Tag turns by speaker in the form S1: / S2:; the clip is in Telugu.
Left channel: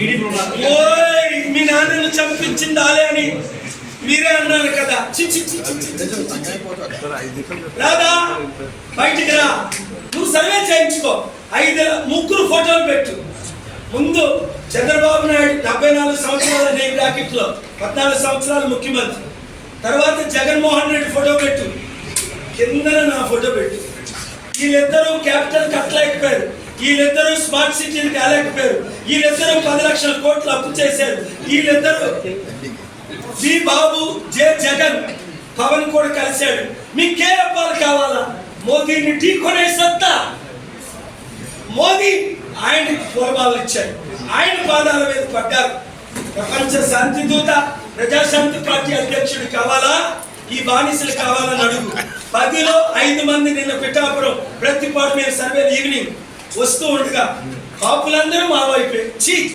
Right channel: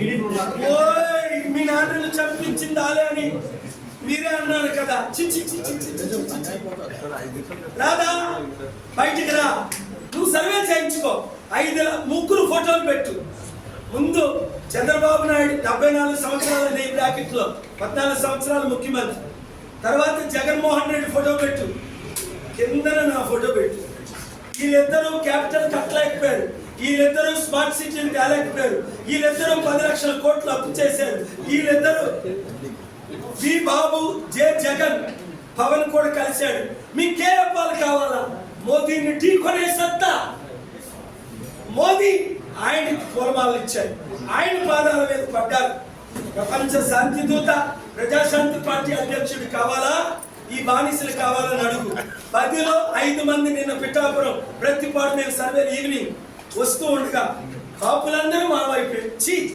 S1: ఓయ్ మీ నాన్నను చంపించింది ఆలే అని మీరే అన్నారు కదా. రాదా బయటికి రా. నువ్వు సర్వే చేయించుకో. ఐదు ముగ్గురు ఫోటోలు పెట్టు. ముందు చంద్రబాబు నాయుడు డెబ్బై నాలుగు సంవత్సరాల నేను బ్రాకెట్లో పద్నాలుగు సంవత్సరాలు ముఖ్యమంత్రి. తర్వాత జగన్మోహన్ రెడ్డి ఫోటో పెట్టు. కింద నా ఫోటో పెట్టు. వీళ్ళిద్దరూ క్యాపిటల్ కట్టలేకపోయారు. వీళ్ళిద్దరూ స్మార్ట్ సిటీలు వెళ్ళకపోయారు. వీళ్ళిద్దరూ పది లక్షల కోట్లు అప్పు చేశారు. వీళ్ళిద్దరూ జీ బాబు జే జగన్ పవన్ కూడా కలిశాడు. మీకే అప్పాలు కావాలా? మోదీని ఢీ కొనే సత్తా. మోదీ ఆయనకి పూర్వాలు ఇచ్చారు. ఆయన పాదాల మీద పడ్డారు. ప్రపంచ శాంతి దూత ప్రజాశాంతి పార్టీ అధ్యక్షుడు కావాలా? ఈ బానిసలు కావాలని అడుగు. పదిలో ఐదు మంది నిన్న పిఠాపురం ప్రతిపాటు మీద సర్వేలు ఈవినింగ్. వస్తూ ఉండగా కాపులందరూ మా వైపే. చీ!